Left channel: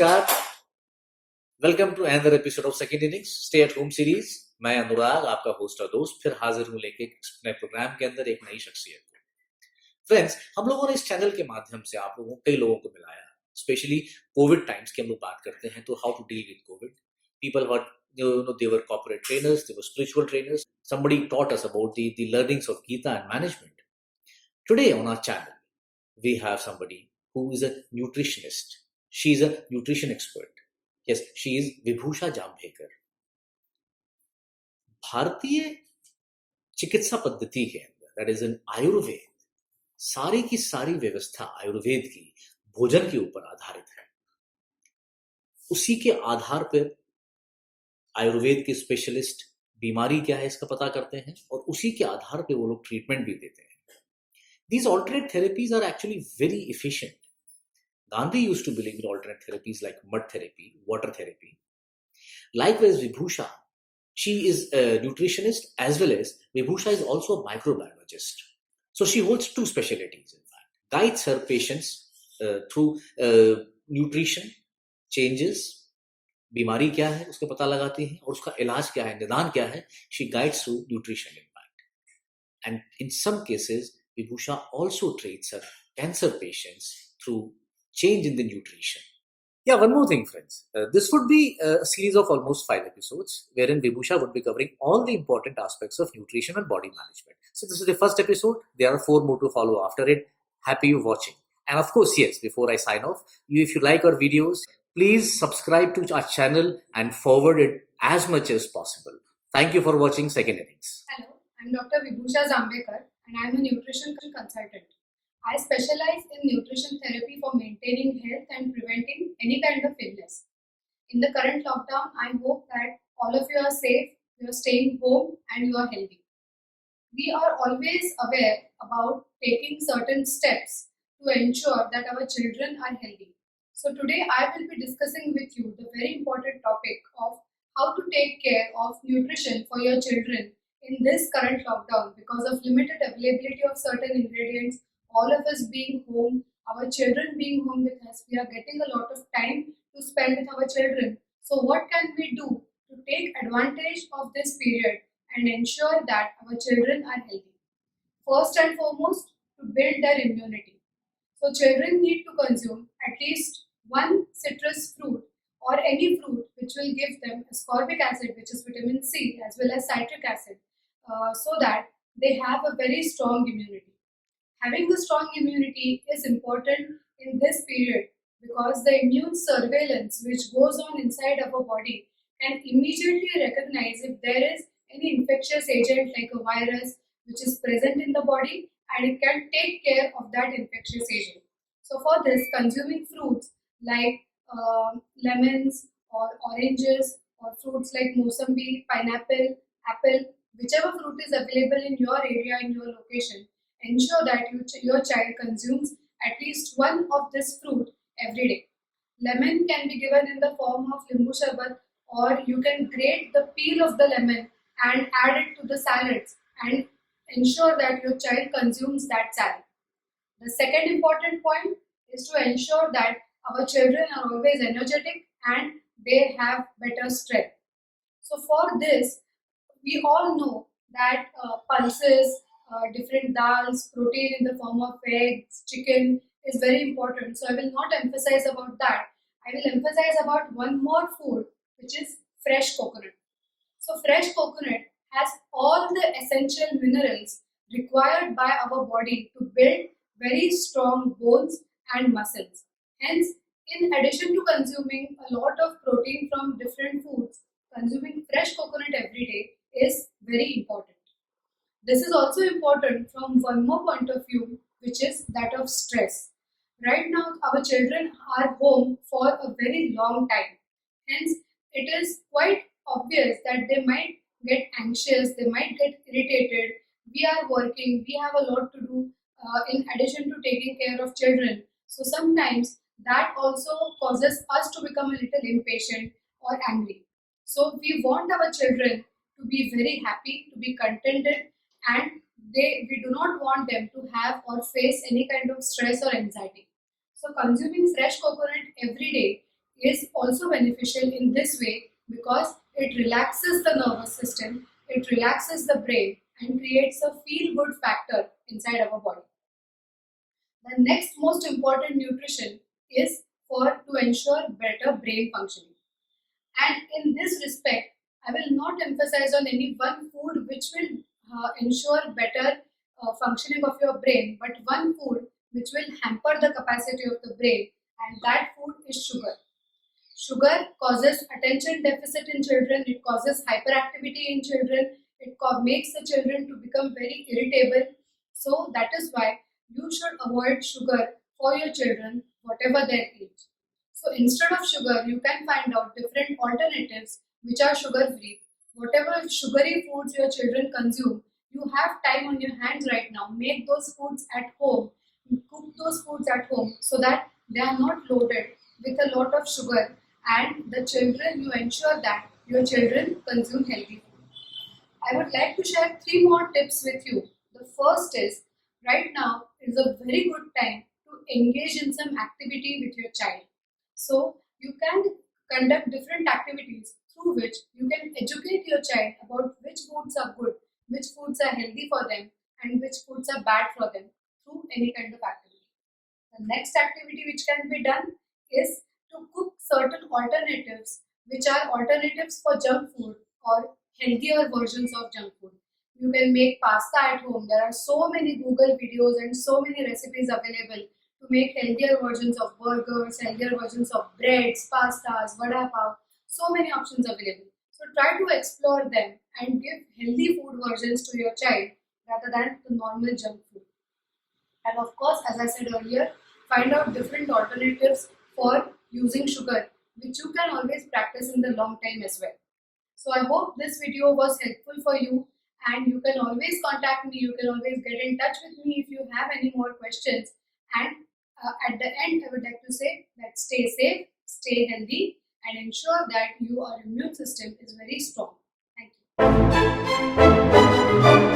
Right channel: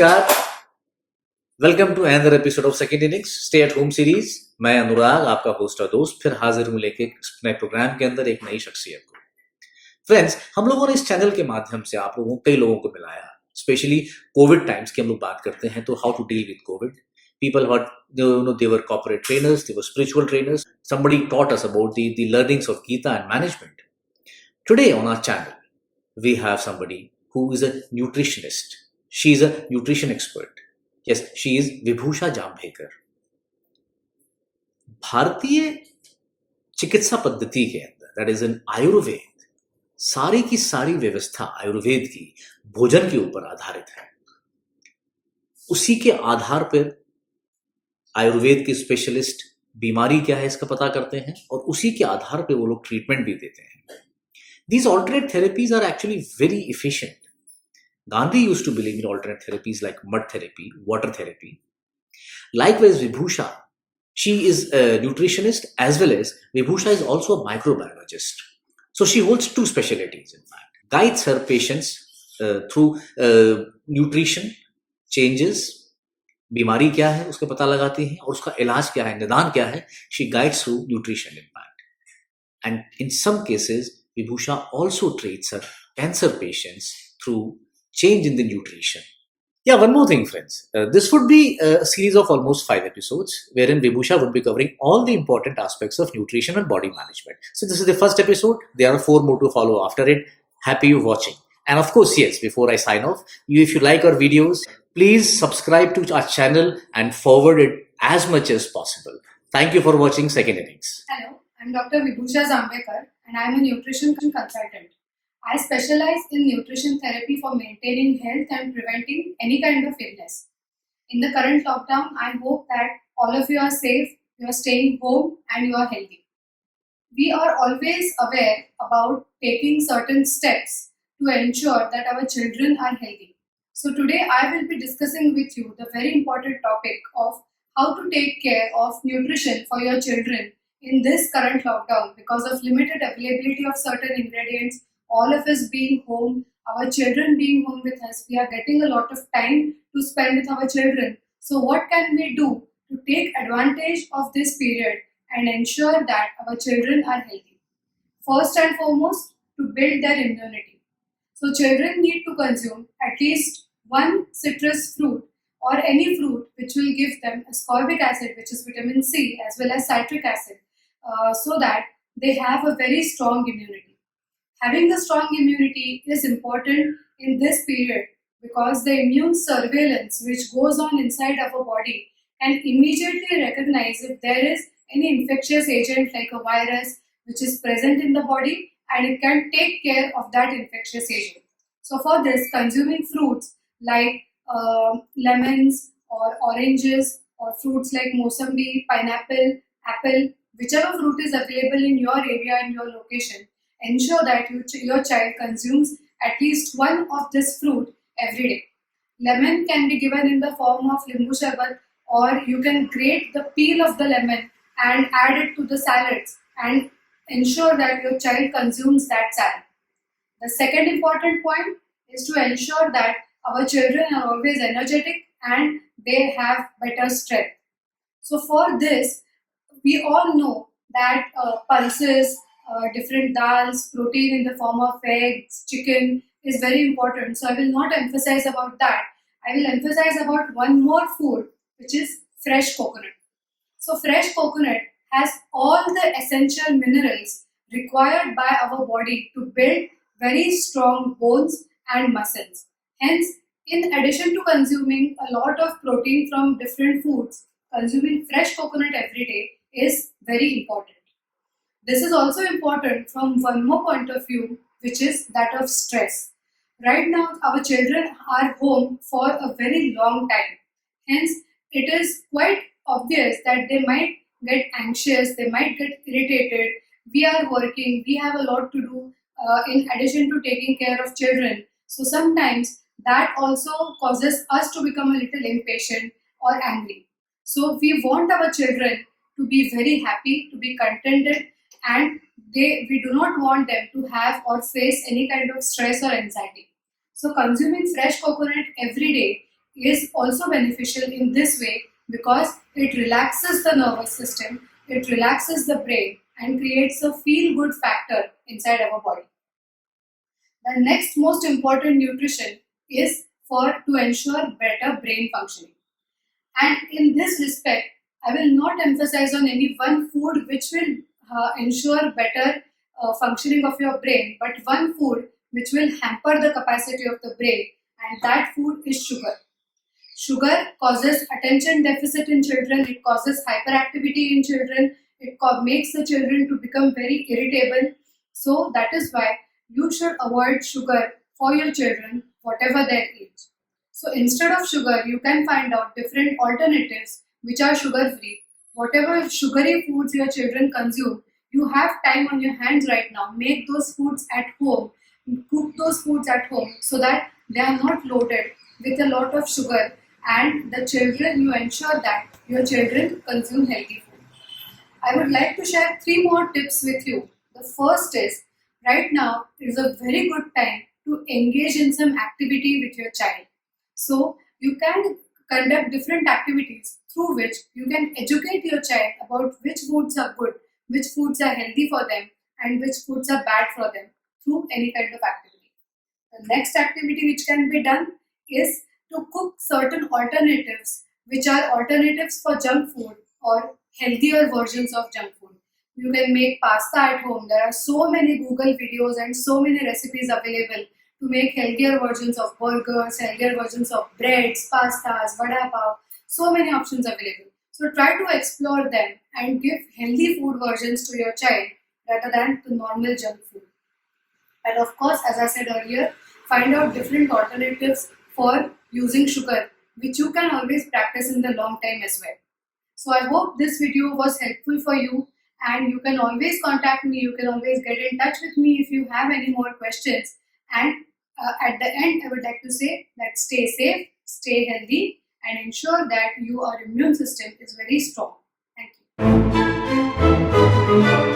नमस्कार, welcome to another episode of second innings stay at home series. मैं अनुराग, आपका host और दोस्त, फिर हाजिर हूं लेके नए प्रोग्राम के अंदर एक नई शख्सियत को। फ्रेंड्स, हम लोगों ने इस चैनल के माध्यम से आप लोगों कई लोगों को मिलाया, स्पेशली कोविड टाइम्स की हम लोग बात करते हैं तो how to deal with COVID. People who they were corporate trainers, they were spiritual trainers. Somebody taught us about the learnings of Gita and management. Today on our channel, we have somebody who is a nutritionist. She is a nutrition expert. Yes, she is Vibhusha Jambhekar. भारतीय चिकित्सा पद्धति के अंदर, that is in Ayurveda, सारी की सारी व्यवस्था आयुर्वेद की भोजन के ऊपर आधारित है। उसी के आधार पर आयुर्वेद के स्पेशलिस्ट बीमारी क्या है इसका पता करते हैं और उसी के आधार पर वो लोग ट्रीटमेंट भी देते हैं। These alternate therapies are actually very efficient. Gandhi used to believe in alternate therapies like mud therapy, water therapy. Likewise, Vibhusha, she is a nutritionist as well as Vibhusha is also a microbiologist. So she holds two specialties, in fact. Guides her patients through nutrition changes, बीमारी क्या है उसका पता लगाती है और उसका इलाज क्या है, निदान क्या है. She guides through nutrition, in fact. And in some cases, Vibhusha also treats her cancer patients through change in the nutrition. Yeah, one more thing, friends. This would be a series of almost 5 episodes wherein Vibhusha would be covering all the important aspects of nutrition and body management. So this is the first episode. There are 4 more to follow after it. Happy you watching. And of course, yes, before I sign off, if you like our videos, please subscribe to our channel and forward it as much as possible. Thank you for watching Second Innings. Hello, I'm Dr. Vibhusha Jambhekar and I'm a nutrition consultant. I specialize in nutrition therapy for maintaining health and preventing any kind of illness. In the current lockdown, I hope that all of you are safe, you are staying home and you are healthy. We are always aware about taking certain steps to ensure that our children are healthy. So today I will be discussing with you the very important topic of how to take care of nutrition for your children in this current lockdown because of limited availability of certain ingredients, all of us being home, our children being home with us, we are getting a lot of time to spend with our children. So what can we do to take advantage of this period and ensure that our children are healthy? First and foremost, to build their immunity. So children need to consume at least one citrus fruit or any fruit which will give them ascorbic acid, which is vitamin C, as well as citric acid, so that they have a very strong immunity. Having the strong immunity is important in this period because the immune surveillance which goes on inside our body can immediately recognize if there is any infectious agent like a virus which is present in the body, and it can take care of that infectious agent. So for this, consuming fruits like lemons or oranges or fruits like mosambi, pineapple, apple, whichever fruit is available in your area and your location, ensure that your child consumes at least one of this fruit every day. Lemon can be given in the form of limbu sharbat, or you can grate the peel of the lemon and add it to the salads and ensure that your child consumes that salad. The second important point is to ensure that our children are always energetic and they have better strength. So for this, we all know that pulses, different dals, protein in the form of eggs, chicken is very important. So I will not emphasize about that. I will emphasize about one more food, which is fresh coconut. So fresh coconut has all the essential minerals required by our body to build very strong bones and muscles. Hence, in addition to consuming a lot of protein from different foods, consuming fresh coconut every day is very important. This is also important from one more point of view, which is that of stress. Right now, our children are home for a very long time. Hence, it is quite obvious that they might get anxious, they might get irritated. We are working, we have a lot to do in addition to taking care of children. So sometimes that also causes us to become a little impatient or angry. So we want our children to be very happy, to be contented, and we do not want them to have or face any kind of stress or anxiety. So consuming fresh coconut every day is also beneficial in this way because it relaxes the nervous system, it relaxes the brain, and creates a feel good factor inside our body. The next most important nutrition is to ensure better brain functioning. And in this respect, I will not emphasize on any one food which will ensure better functioning of your brain, but one food which will hamper the capacity of the brain, and that food is sugar. Sugar causes attention deficit in children, it causes hyperactivity in children, it makes the children to become very irritable. So that is why you should avoid sugar for your children, whatever their age. So instead of sugar, you can find out different alternatives which are sugar free. Whatever sugary foods your children consume, you have time on your hands right now. Make those foods at home, cook those foods at home so that they are not loaded with a lot of sugar, and the children, you ensure that your children consume healthy food. I would like to share 3 more tips with you. The first is, right now is a very good time to engage in some activity with your child. So you can conduct different activities through which you can educate your child about which foods are good, which foods are healthy for them, and which foods are bad for them through any kind of activity. The next activity which can be done is to cook certain alternatives which are alternatives for junk food or healthier versions of junk food. You can make pasta at home. There are so many Google videos and so many recipes available to make healthier versions of burgers, healthier versions of breads, pastas, vada pav, so many options available. So try to explore them and give healthy food versions to your child rather than the normal junk food. And of course, as I said earlier, find out different alternatives for using sugar, which you can always practice in the long time as well. So I hope this video was helpful for you, and you can always contact me, you can always get in touch with me if you have any more questions. And at the end, I would like to say that stay safe, stay healthy, and ensure that your immune system is very strong. Thank you.